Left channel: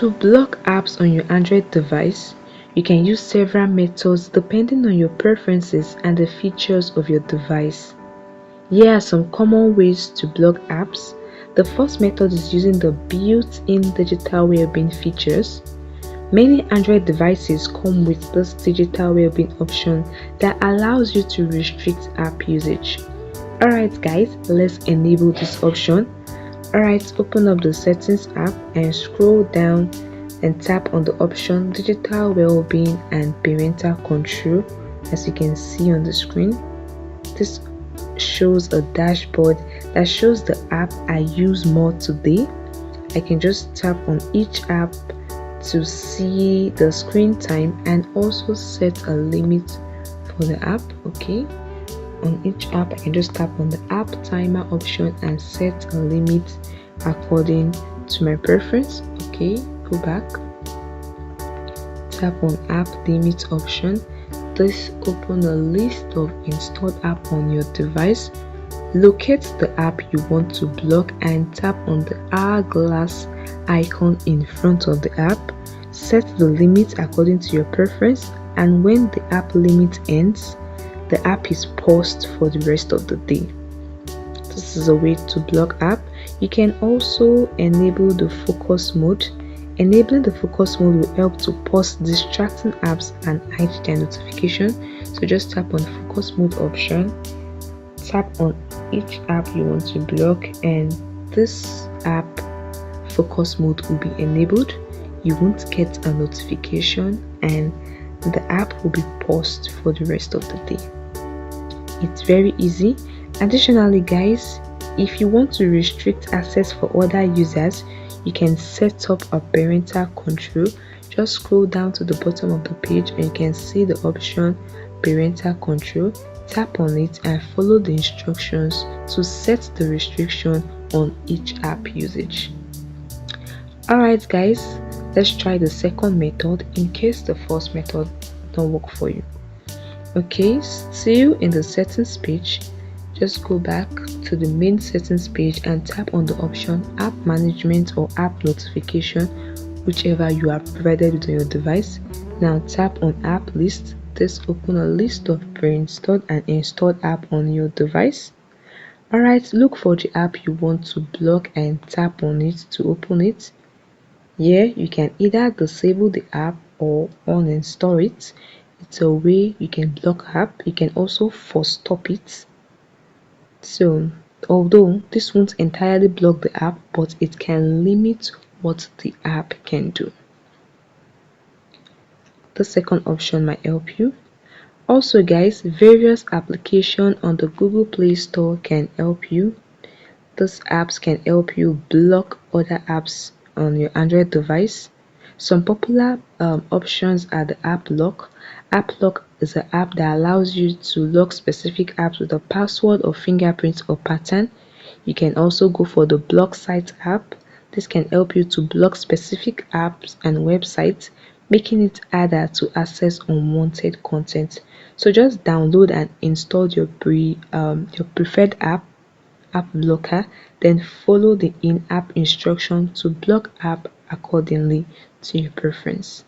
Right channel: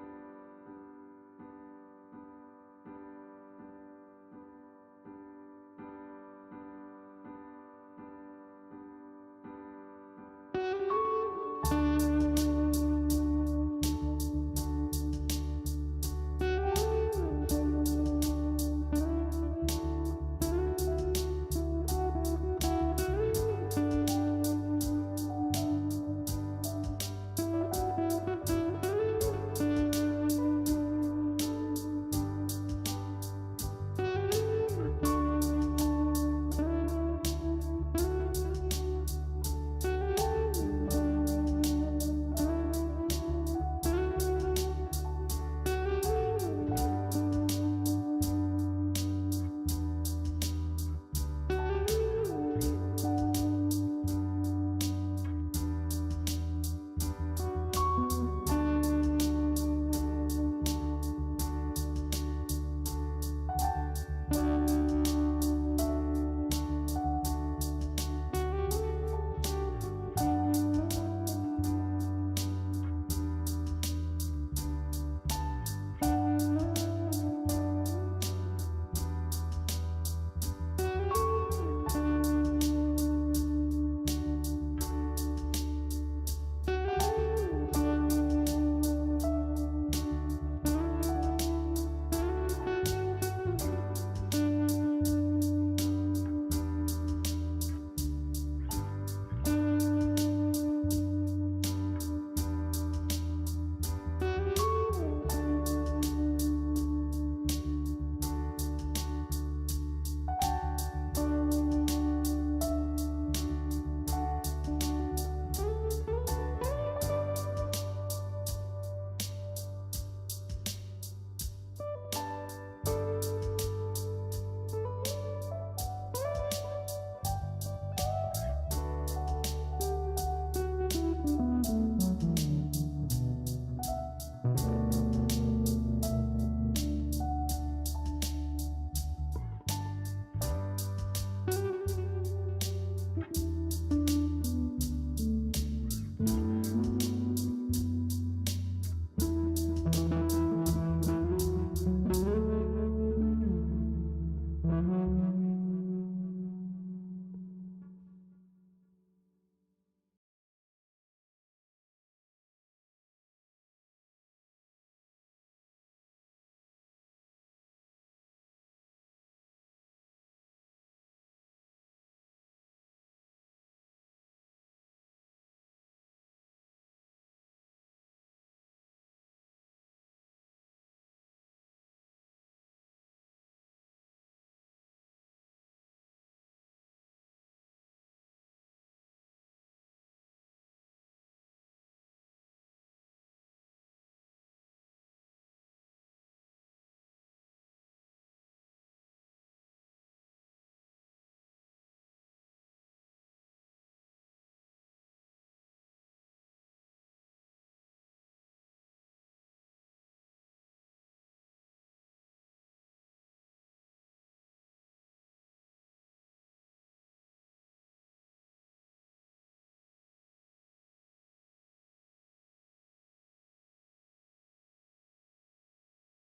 To block apps on your Android device, you can use several methods depending on your preferences and the features of your device. Here are some common ways to block apps. The first method is using the built-in digital well-being features. Many Android devices come with this digital well-being option that allows you to restrict app usage. Alright guys, let's enable this option. Alright, open up the settings app and scroll down and tap on the option digital well-being and parental control. As you can see on the screen, this shows a dashboard that shows the app I use more today. I can just tap on each app to see the screen time and also set a limit for the app. Okay, on each app I can just tap on the app timer option and set a limit according to my preference. Okay, go back, tap on app limit option. This open a list of installed app on your device. Locate the app you want to block and tap on the hourglass icon in front of the app. Set the limit according to your preference, and when the app limit ends, the app is paused for the rest of the day. This is a way to block app. You can also enable the focus mode. Enabling the focus mode will help to pause distracting apps and hide their notification. So just tap on focus mode option, tap on each app you want to block, and this app focus mode will be enabled. You won't get a notification and the app will be paused for the rest of the day. It's very easy. Additionally guys, if you want to restrict access for other users, you can set up a parental control. Just scroll down to the bottom of the page and you can see the option parental control. Tap on it and follow the instructions to set the restriction on each app usage. Alright guys, let's try the second method in case the first method don't work for you. Okay, still in the settings page, just go back to the main settings page and tap on the option app management or app notification, whichever you have provided with on your device. Now tap on app list. This open a list of pre-installed and installed app on your device. Alright, look for the app you want to block and tap on it to open it. Here you can either disable the app or uninstall it. It's a way you can block app. You can also force stop it. So although this won't entirely block the app, but it can limit what the app can do. The second option might help you. Also guys, various applications on the Google Play Store can help you. These apps can help you block other apps on your Android device. Some popular options are the app lock. App lock is an app that allows you to lock specific apps with a password or fingerprint or pattern. You can also go for the block site app. This can help you to block specific apps and websites, making it harder to access unwanted content. So just download and install your preferred app blocker, then follow the in-app instruction to block app accordingly to your preference.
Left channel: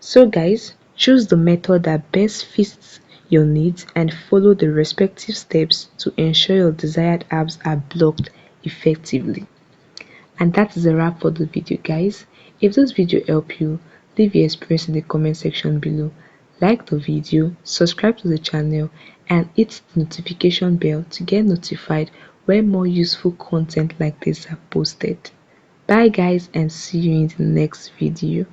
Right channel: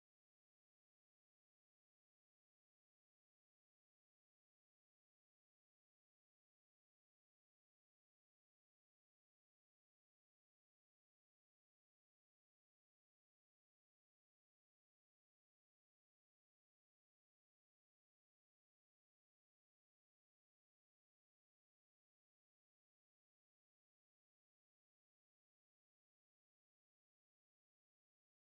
So guys, choose the method that best fits your needs and follow the respective steps to ensure your desired apps are blocked effectively. And that is a wrap for the video guys. If this video helped you, leave your experience in the comment section below. Like the video, subscribe to the channel, and hit the notification bell to get notified when more useful content like this are posted. Bye guys, and see you in the next video.